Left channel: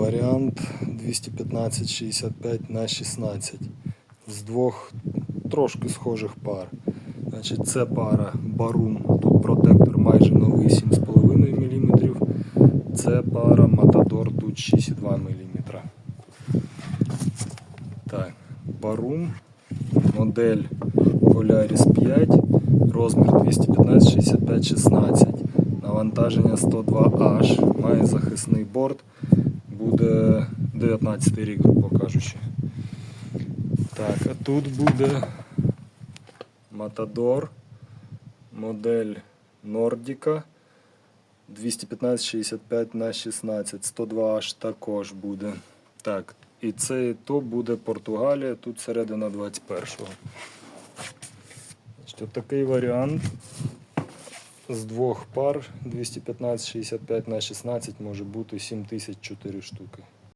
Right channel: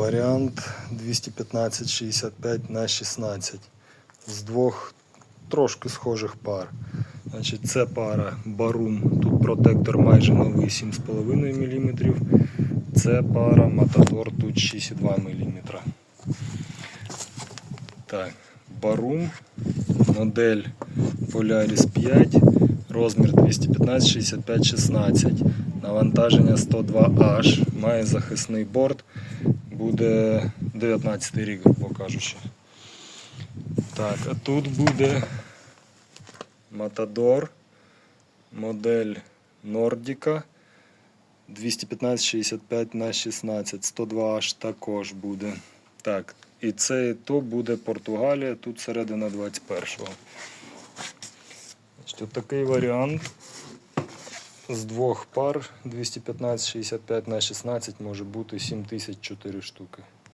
Варіант 215-65 на 16 з двох трошки схожих пар. Значить, це пара Барум, тут протектор майже новий 7,5 мм. Це пара Матадор, тут 6,2 мм. Так, Барум, модель Polaris 5, розмір 215, 65, 16. Навантаження 102H, має захисний борт, буде 19 рік, грубо кажучи. Так, а тут буде Matador, модель Nordica 215-65 на 16, 102H також буде. Так, і це і то буде Португалія, тут середина 21-го. Значить, от такий варіант з двох пар 215-65 на 16 може бути 7004 штуки.